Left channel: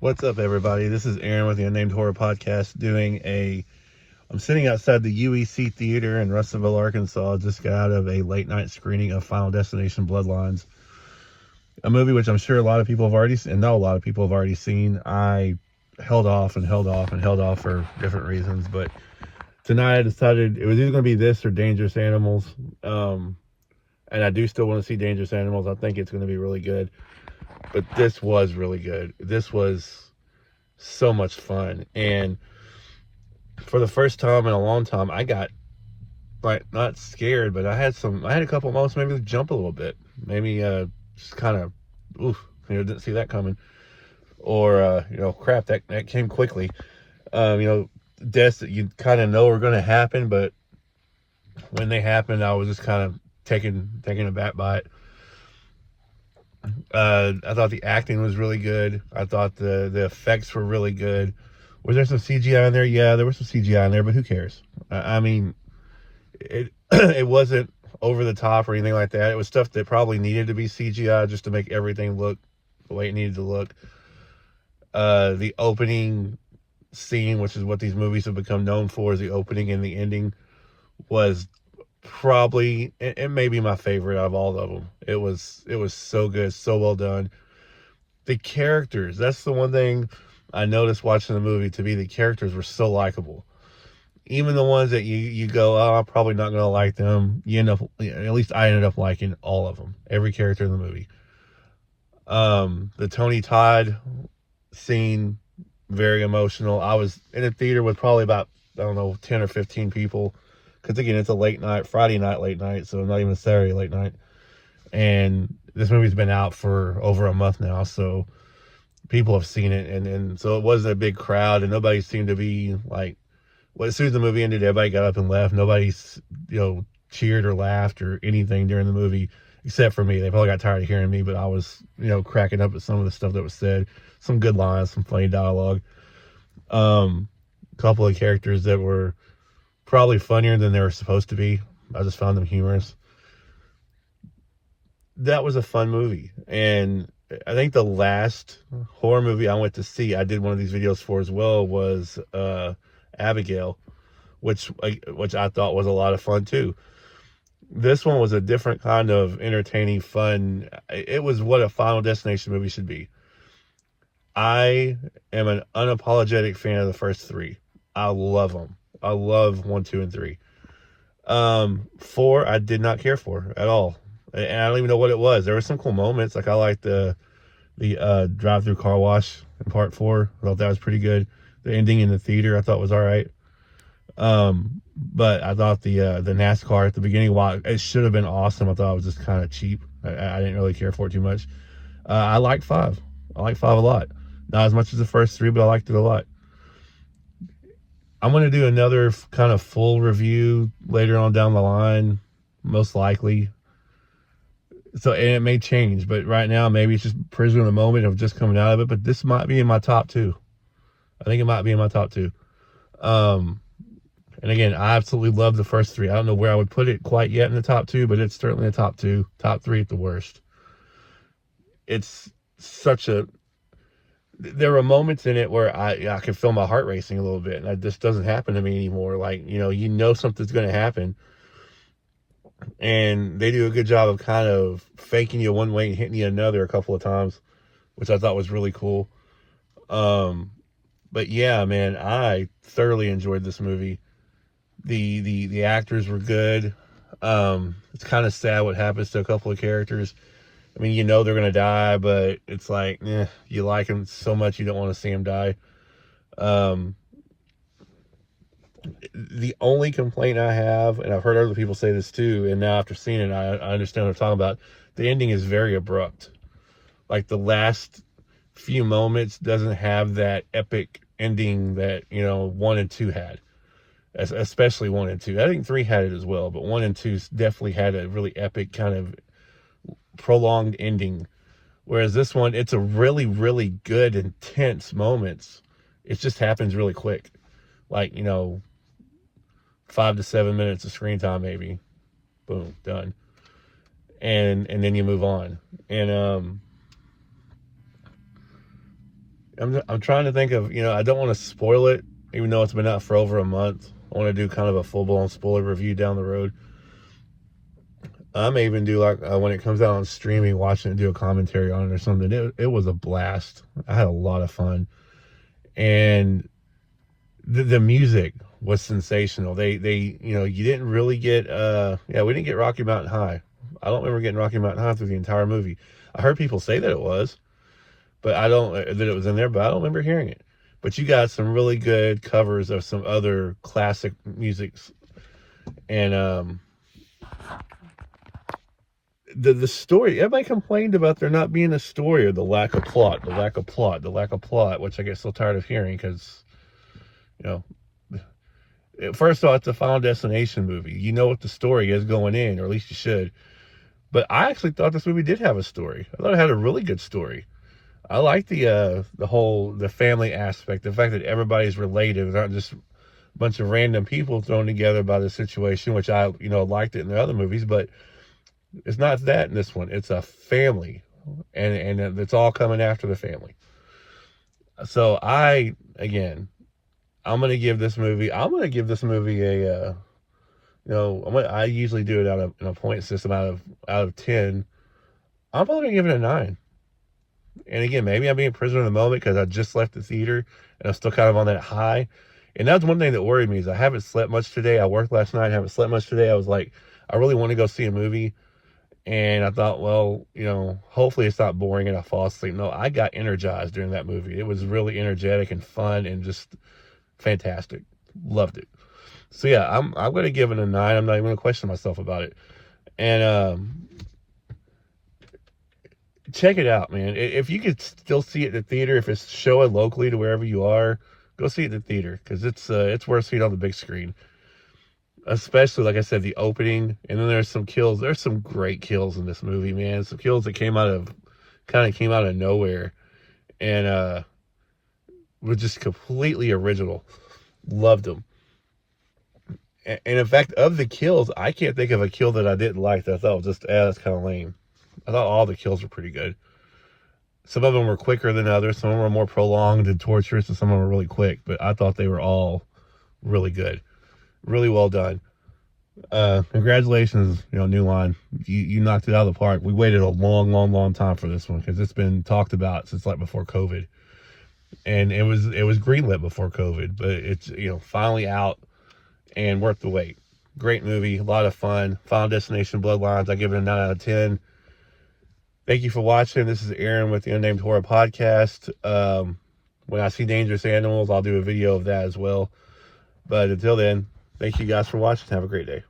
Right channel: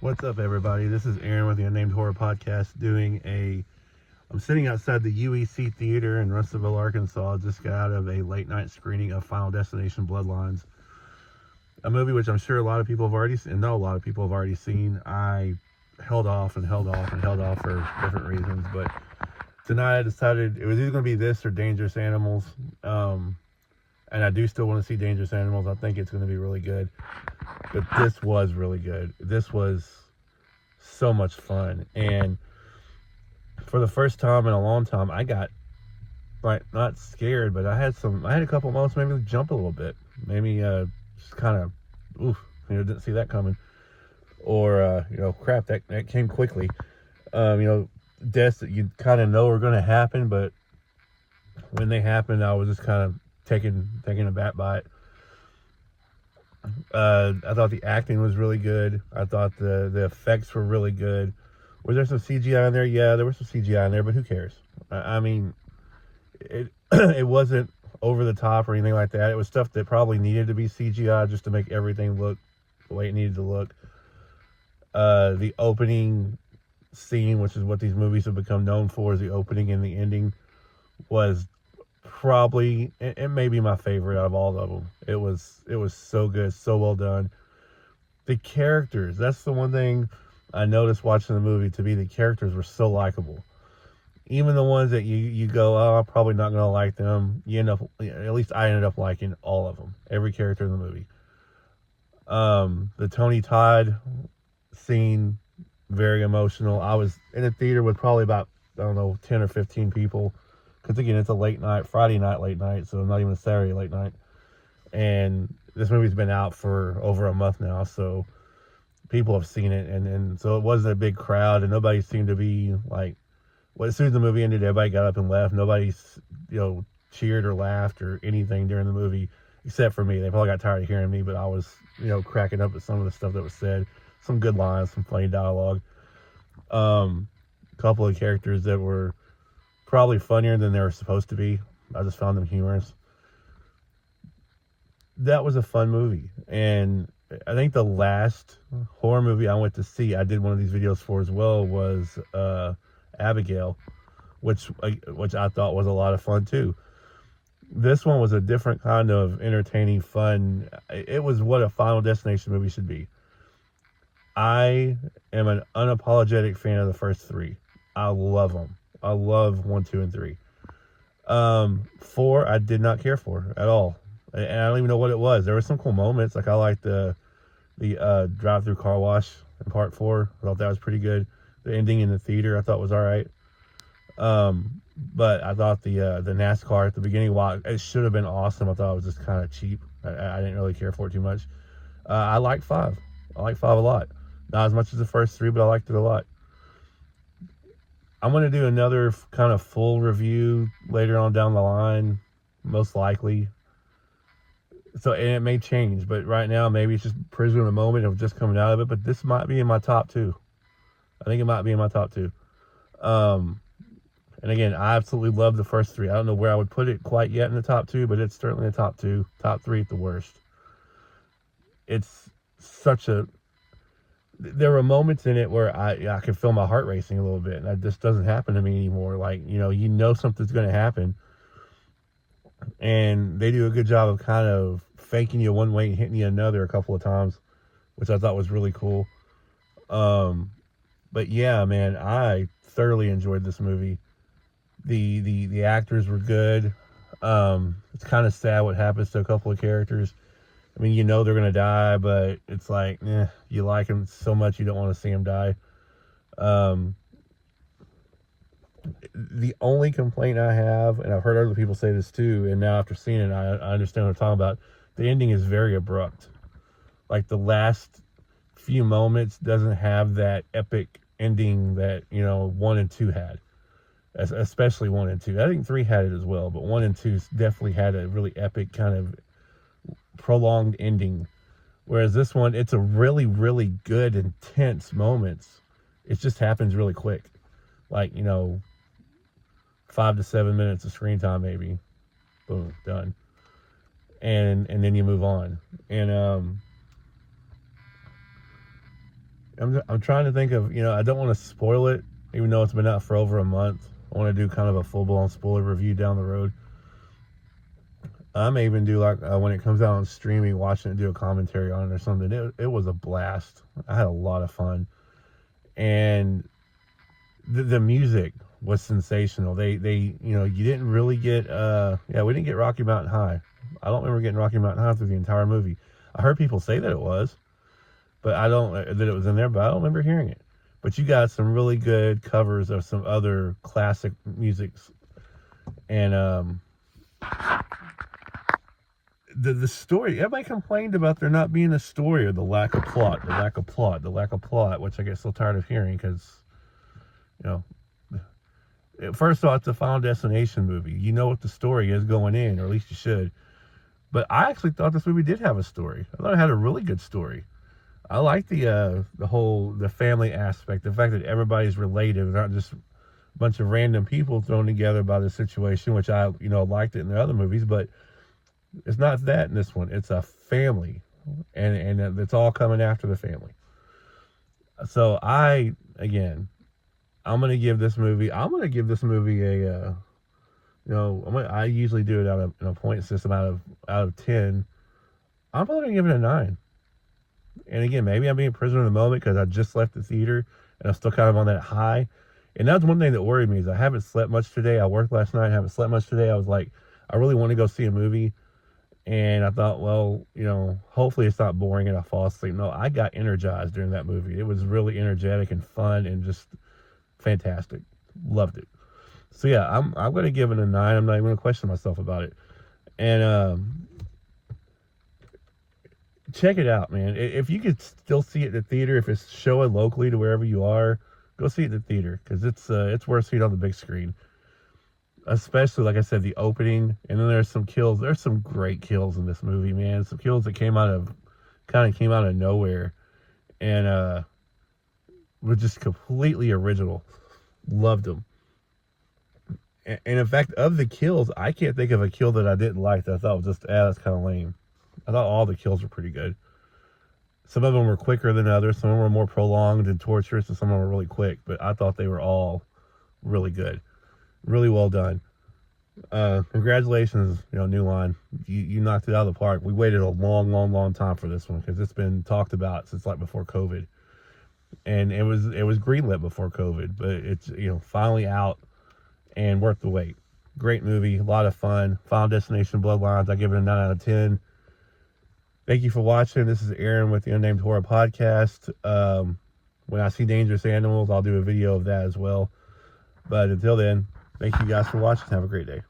What's up, everybody? This is Aaron with the Unnamed Horror Podcast I'm sitting outside the UEC Theater in Russellville, Arkansas. Just got out of a late night screening of Final Destination Bloodlines, a movie which I'm sure a lot of people have already seen, and know a lot of people have already seen. I held off for different reasons, but tonight I decided it was either going to be this or Dangerous Animals. And I do still want to see Dangerous Animals. I think it's going to be really good. But this was really good. This was so much fun. And for the first time in a long time, I got, like, not scared, but I had a couple moments maybe jump a little bit. Maybe just kind of, didn't see that coming. Or, crap, that came quickly. Deaths that you kind of know are going to happen, but when they happened, I was just kind of taken aback by it. I thought the acting was really good. I thought the effects were really good. Was there some CGI in there? Yeah, there was some CGI in there, but who cares? I mean, it wasn't over the top or anything like that. It was stuff that probably needed to be CGI just to make everything look the way it needed to look. The opening scene, which is what these movies have become known for, is the opening and the ending, was probably, it may be my favorite out of all of them. It was so good, so well done. The characters, that's the one thing I noticed watching the movie. To me, the characters were so likable. Even the ones that you go, oh, I'm probably not going to like them, at least I ended up liking all of them, every character in the movie. The Tony Todd scene, very emotional. I was in a theater with probably about, 10 or 15 people. Because, again, it's a late night, Friday night late night, so not even a Saturday late night. And this movie's been out for over a month now, so people have seen it. And so it wasn't a big crowd, and nobody seemed to be, like, as soon as the movie ended, everybody got up and left. Nobody, cheered or laughed or anything during the movie, except for me. They probably got tired of hearing me, but I was, cracking up at some of the stuff that was said. Some good lines, some funny dialogue. A couple of characters that were probably funnier than they were supposed to be. I just found them humorous. That was a fun movie. And I think the last horror movie I went to see, I did one of these videos for as well, was Abigail, which I thought was a lot of fun too. This one was a different kind of entertaining fun. It was what a Final Destination movie should be. I am an unapologetic fan of the first three. I love them. I love 1, 2, and 3. 4, I did not care for at all. And I don't even know what it was. There were some cool moments. Like, I liked the drive-through car wash in part 4. I thought that was pretty good. The ending in the theater I thought was all right. But I thought the NASCAR at the beginning, while it should have been awesome, I thought it was just kind of cheap. I didn't really care for it too much. I liked 5. I liked 5 a lot. Not as much as the first 3, but I liked it a lot. I'm going to do another kind of full review later on down the line, most likely. So, and it may change, but right now, maybe it's just prisoner of the moment of just coming out of it. But this might be in my top 2. I think it might be in my top 2. And again, I absolutely love the first 3. I don't know where I would put it quite yet in the top 2, but it's certainly a top 2. Top 3 at the worst. It's there were moments in it where I could feel my heart racing a little bit, and that just doesn't happen to me anymore. Like, something's going to happen, and they do a good job of kind of faking you one way and hitting you another a couple of times, which I thought was really cool. But yeah, man, I thoroughly enjoyed this movie. The actors were good. It's kind of sad what happens to a couple of characters. I mean, they're going to die, but it's like, you like them so much you don't want to see them die. The only complaint I have, and I've heard other people say this too, and now after seeing it, I understand what I'm talking about. The ending is very abrupt. Like, the last few moments doesn't have that epic ending that, 1 and 2 had. Especially 1 and 2. I think 3 had it as well, but 1 and 2 definitely had a really epic kind of prolonged ending, whereas this one, it's a really, really good, intense moments. It just happens really quick, like 5 to 7 minutes of screen time, maybe. Boom, done. And then you move on. And I'm trying to think of, I don't want to spoil it, even though it's been out for over a month. I want to do kind of a full-blown spoiler review down the road. I may even do like when it comes out on streaming, watching it, do a commentary on it or something. It was a blast. I had a lot of fun, and the music was sensational. They you didn't really get we didn't get Rocky Mountain High. I don't remember getting Rocky Mountain High through the entire movie. I heard people say that it was, but that it was in there, but I don't remember hearing it. But you got some really good covers of some other classic musics, and the story. Everybody complained about there not being a story, or the lack of plot, which I get so tired of hearing because, first of all, it's a Final Destination movie. You know what the story is going in, or at least you should. But I actually thought this movie did have a story. I thought it had a really good story. I like the family aspect, the fact that everybody's related, not just a bunch of random people thrown together by the situation, which I liked it in the other movies, but it's not that in this one. It's a family, and it's all coming after the family. So I'm gonna give this movie a I usually do it in a point system out of 10. I'm probably gonna give it a 9. And again, maybe I'm being prisoner of the moment because I just left the theater and I'm still kind of on that high. And that's one thing that worried me is I haven't slept much today. I worked last night, haven't slept much today. I was like, I really want to go see a movie. And I thought, well, hopefully it's not boring and I fall asleep. No, I got energized during that movie. It was really energetic and fun and just fantastic. Loved it. So yeah, I'm going to give it a 9. I'm not even going to question myself about it. And check it out, man. If you could still see it in the theater, if it's showing locally to wherever you are, go see it in the theater because it's worth seeing on the big screen. Especially, like I said, the opening, and then there's some kills. There's some great kills in this movie, man. Some kills that came out of nowhere, and were just completely original. Loved them. And in fact, of the kills, I can't think of a kill that I didn't like that I thought was just, that's kind of lame. I thought all the kills were pretty good. Some of them were quicker than others. Some of them were more prolonged and torturous, and some of them were really quick. But I thought they were all really good. Really well done. Congratulations, New Line. You knocked it out of the park. We waited a long time for this one because it's been talked about since like before COVID, and it was greenlit before COVID, but it's finally out and worth the wait. Great movie, a lot of fun. Final Destination Bloodlines. I give it a 9 out of 10. Thank you for watching. This is Aaron with the Unnamed Horror Podcast. When I see dangerous animals, I'll do a video of that as well. But until then, thank you guys for watching. Have a great day.